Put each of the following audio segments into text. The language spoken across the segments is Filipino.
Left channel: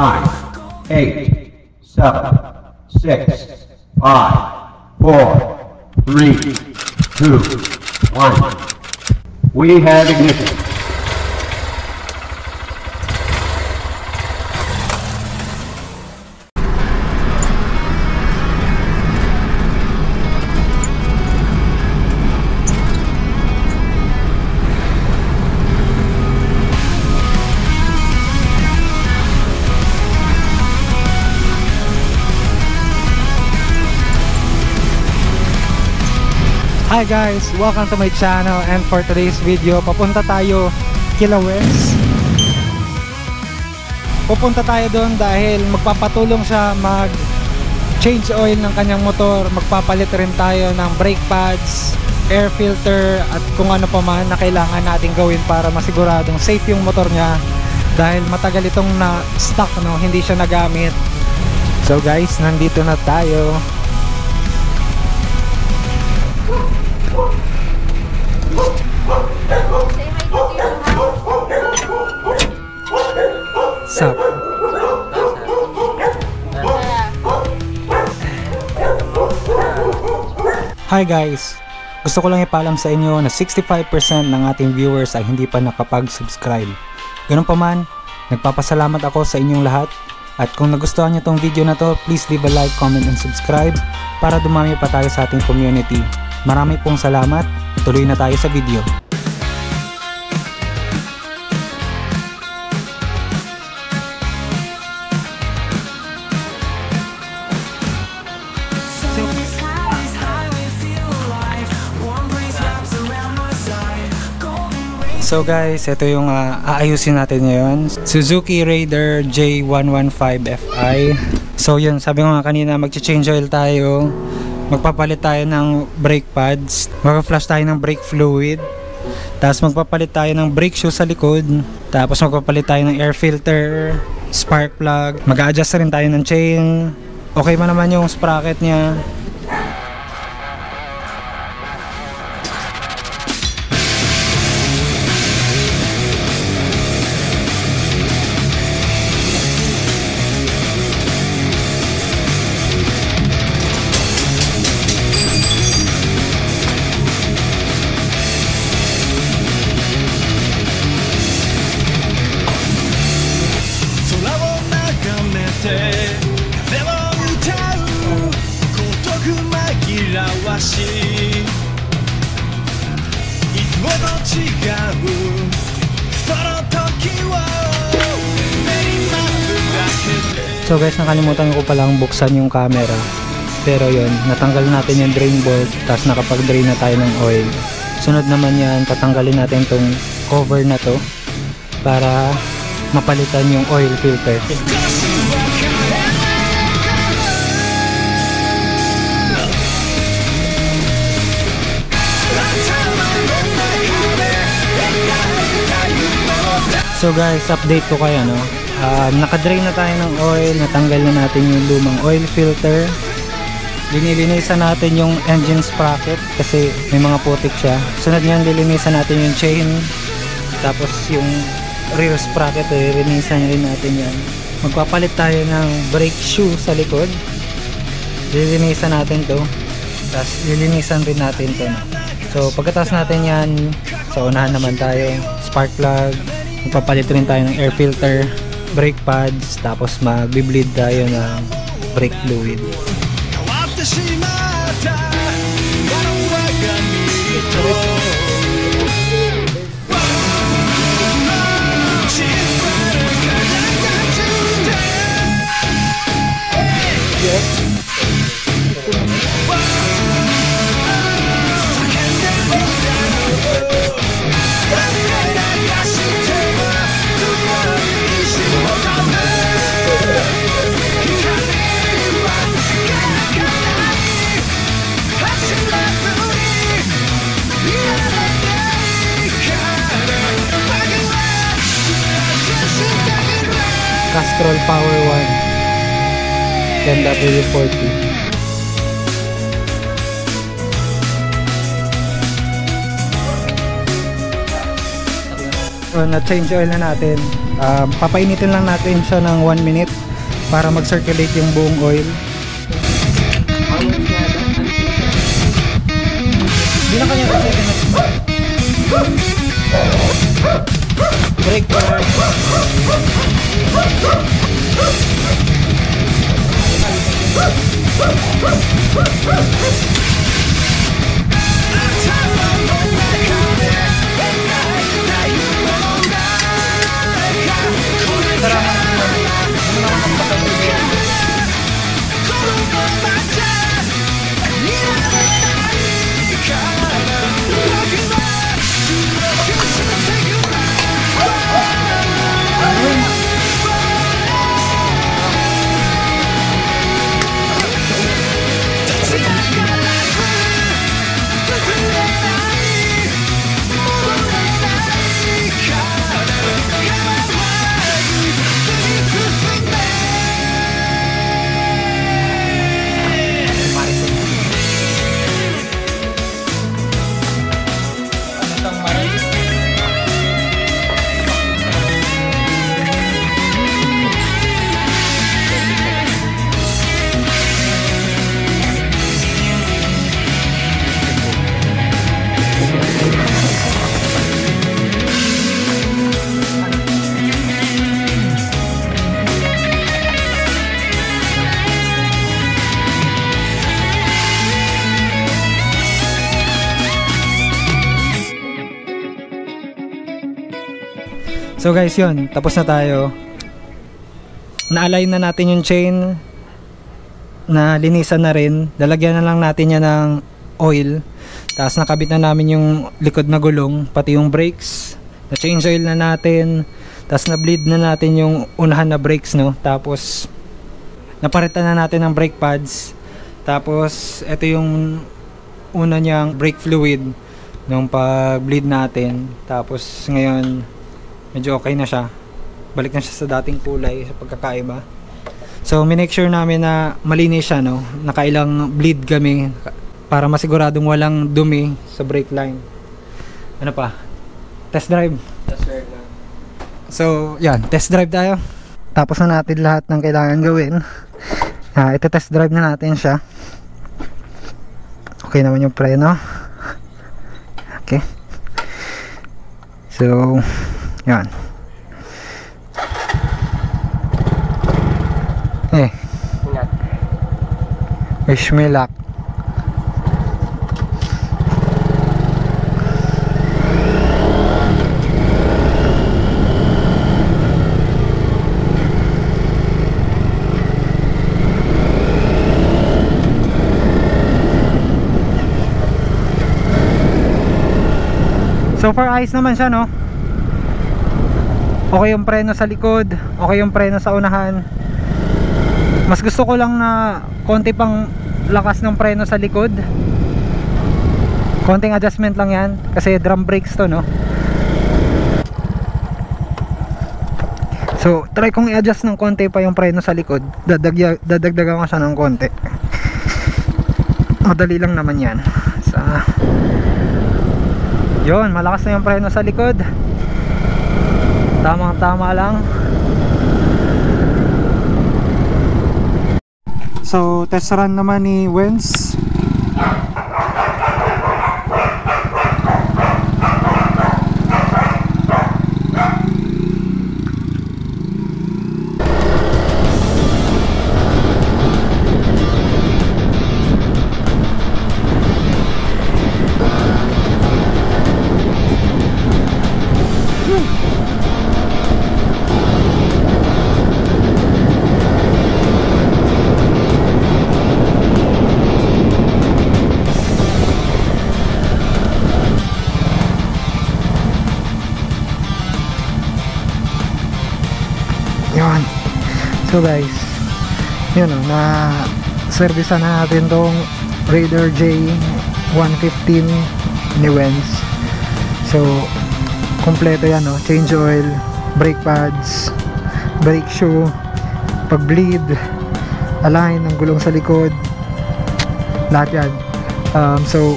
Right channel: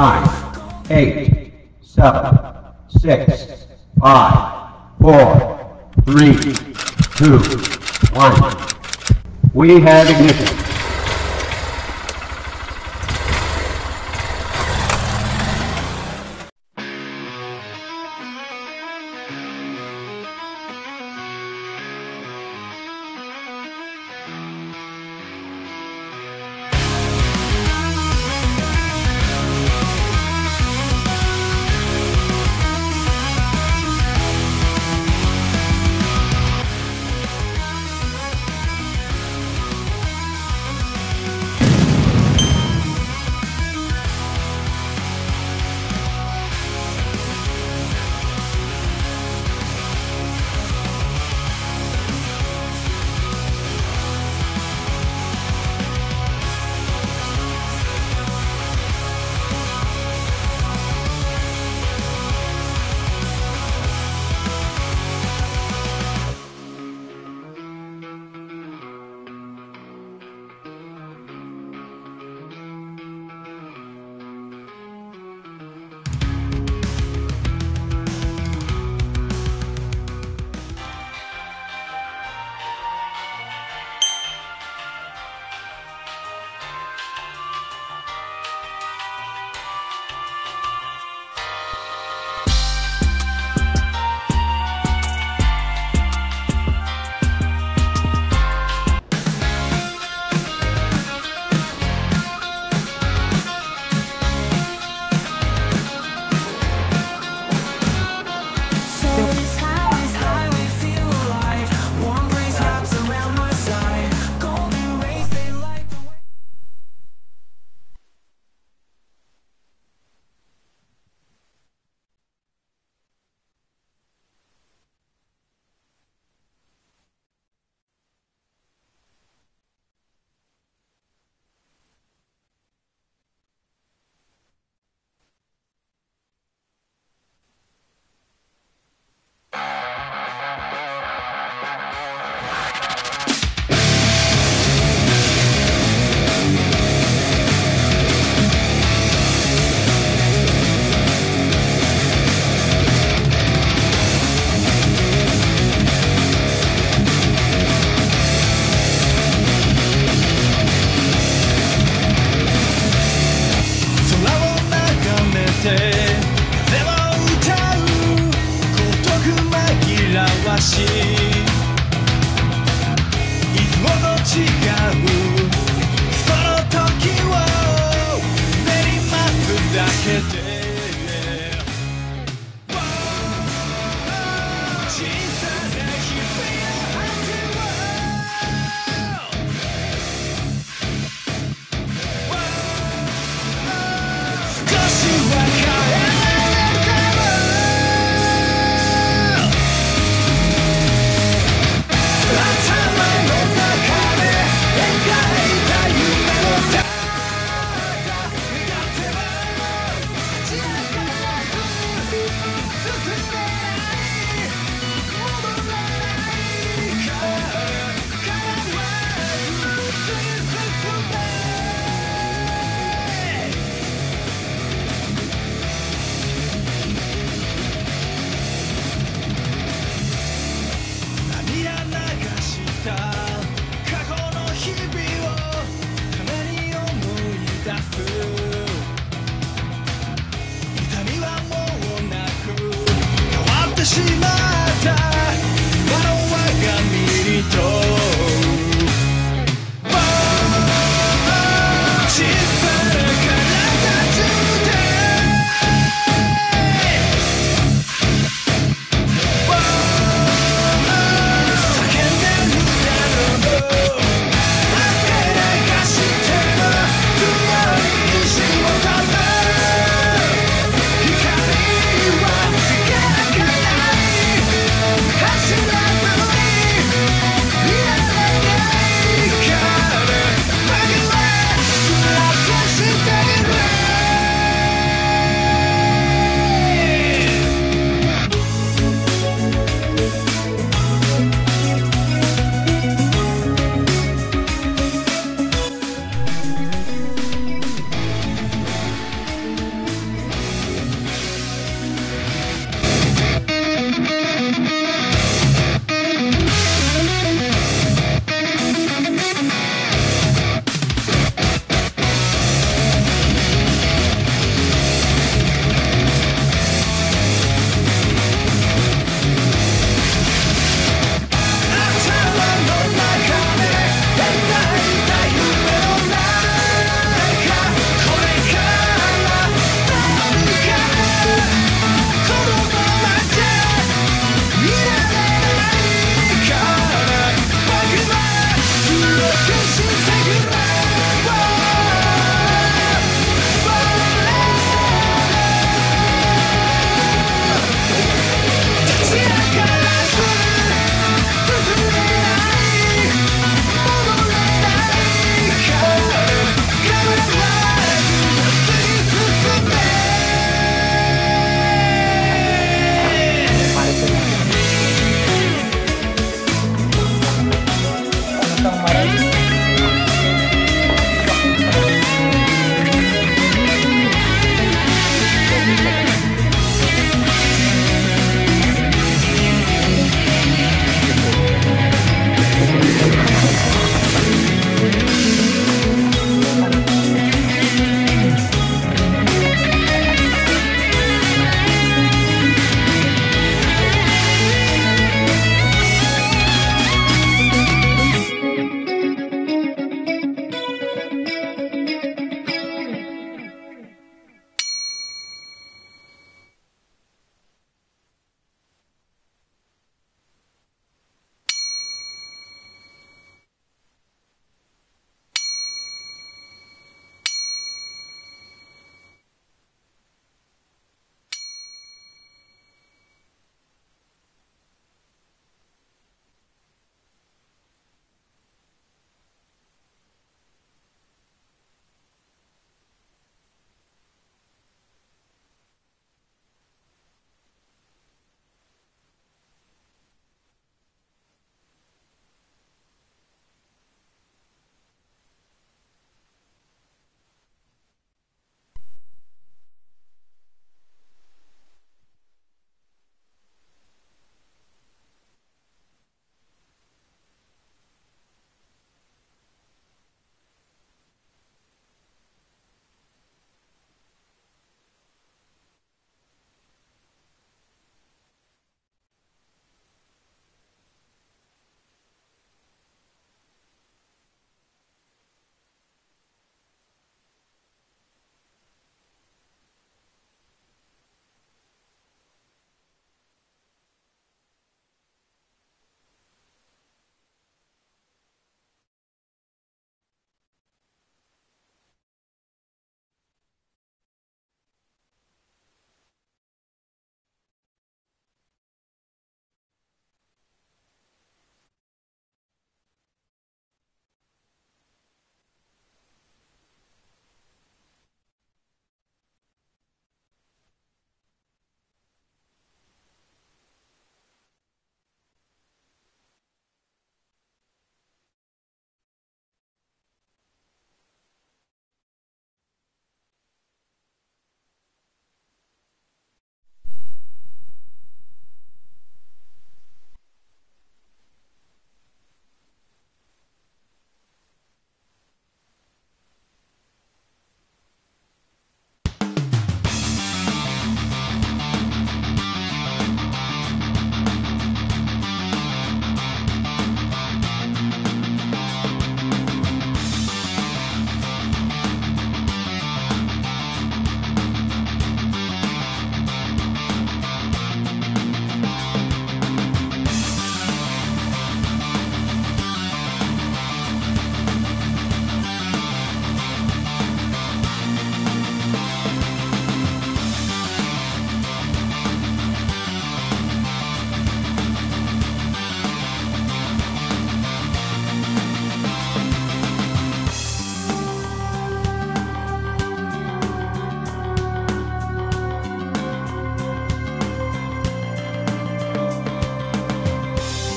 9, 8, 7, 6, 5, 4, 3, 2, 1. We have ignition. Hi guys! Welcome to my channel, and for today's video, papunta tayo kila Wes. Pupunta tayo doon dahil magpapatulong siya mag-change oil ng kanyang motor. Magpapalit rin tayo ng brake pads, air filter, at kung ano pa man na kailangan natin gawin para masiguradong safe yung motor niya. Dahil matagal itong na-stock, no? Hindi siya nagamit. So guys, nandito na tayo. Sup? Hi guys! Gusto ko lang ipaalam sa inyo na 65% ng ating viewers ay hindi pa nakapag-subscribe. Ganun pa man, nagpapasalamat ako sa inyong lahat. At kung nagustuhan nyo tong video na to, please leave a like, comment, and subscribe para dumami pa tayo sa ating community. Marami pong salamat. Tuloy na tayo sa video. So guys, ito yung aayusin natin ngayon. Suzuki Raider J115 Fi. So yun, sabi ko nga kanina, mag-change oil tayo. Magpapalit tayo ng brake pads. Mag-flush tayo ng brake fluid. Tapos magpapalit tayo ng brake shoe sa likod. Tapos magpapalit tayo ng air filter, spark plug. Mag-a-adjust rin tayo ng chain. Okay man naman yung sprocket niya. So guys, nakalimutan ko palang buksan yung camera. Pero yun, natanggal natin yung drain bolt. Tapos nakapag-drain na tayo ng oil. Sunod naman yan, tatanggalin natin tong cover na to para mapalitan yung oil filter. So guys, update ko kayo, no? Nakadrain na tayo ng oil, natanggal na natin yung lumang oil filter. Linilinisan natin yung engine sprocket kasi may mga putik siya. Sunod na yung lilinisan natin yung chain. Tapos yung rear sprocket, lilinisan rin natin yan. Magpapalit tayo ng brake shoe sa likod. Lilinisan natin to. Tapos lilinisan din natin to. So pagkatapos natin yan, sa unahan naman tayo, spark plug. Magpapalit rin tayo ng air filter, brake pads, tapos mag-bleed tayo ng brake fluid. W40. So na-change oil na natin. Papainitin lang natin siya ng 1 minute para mag-circulate yung buong oil. Brake pad. So guys, yun, tapos na tayo. Na-align na natin yung chain, na linisan na rin. Lalagyan na lang natin yan ng oil. Tapos nakabit na namin yung likod na gulong, pati yung brakes. Na-change oil na natin. Tapos na-bleed na natin yung unahan na brakes, no? Tapos naparitan na natin ng brake pads. Tapos ito yung una niyang brake fluid nung pag-bleed natin. Tapos ngayon medyo okay na siya. Balik na siya sa dating kulay, sa pagkakaiba. So, minake sure namin na malinis siya, no? Nakailang bleed kami para masiguradong walang dumi sa brake line. Ano pa? Test drive. Test drive na. So, yan. Test drive tayo. Tapos na natin lahat ng kailangan gawin. Ito test drive na natin siya. Okay naman yung preno. Okay. So, yan. Ingat. Wish me luck. So far ayos naman siya, no? Okay yung preno sa likod, okay yung preno sa unahan. Mas gusto ko lang na konti pang lakas ng preno sa likod. Konting adjustment lang yan kasi drum brakes to, no? So try kong i-adjust ng konti pa yung preno sa likod. Dadagdagan ko siya ng konti. Madali lang naman yan. Yun, malakas na yung preno sa likod. Tamang tama lang. So test run naman ni Wenz. Yun. So guys, yun o, na service na natin tong Raider J115 ni Wenz. So kompleto yan o, change oil, brake pads, brake shoe, pag bleed, align ng gulong sa likod, lahat yan. So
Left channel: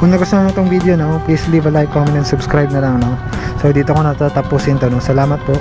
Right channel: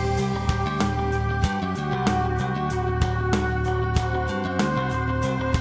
kung nagustuhan mo itong video, no, please leave a like, comment, and subscribe na lang, no? So dito ko natatapusin to, no? Salamat po.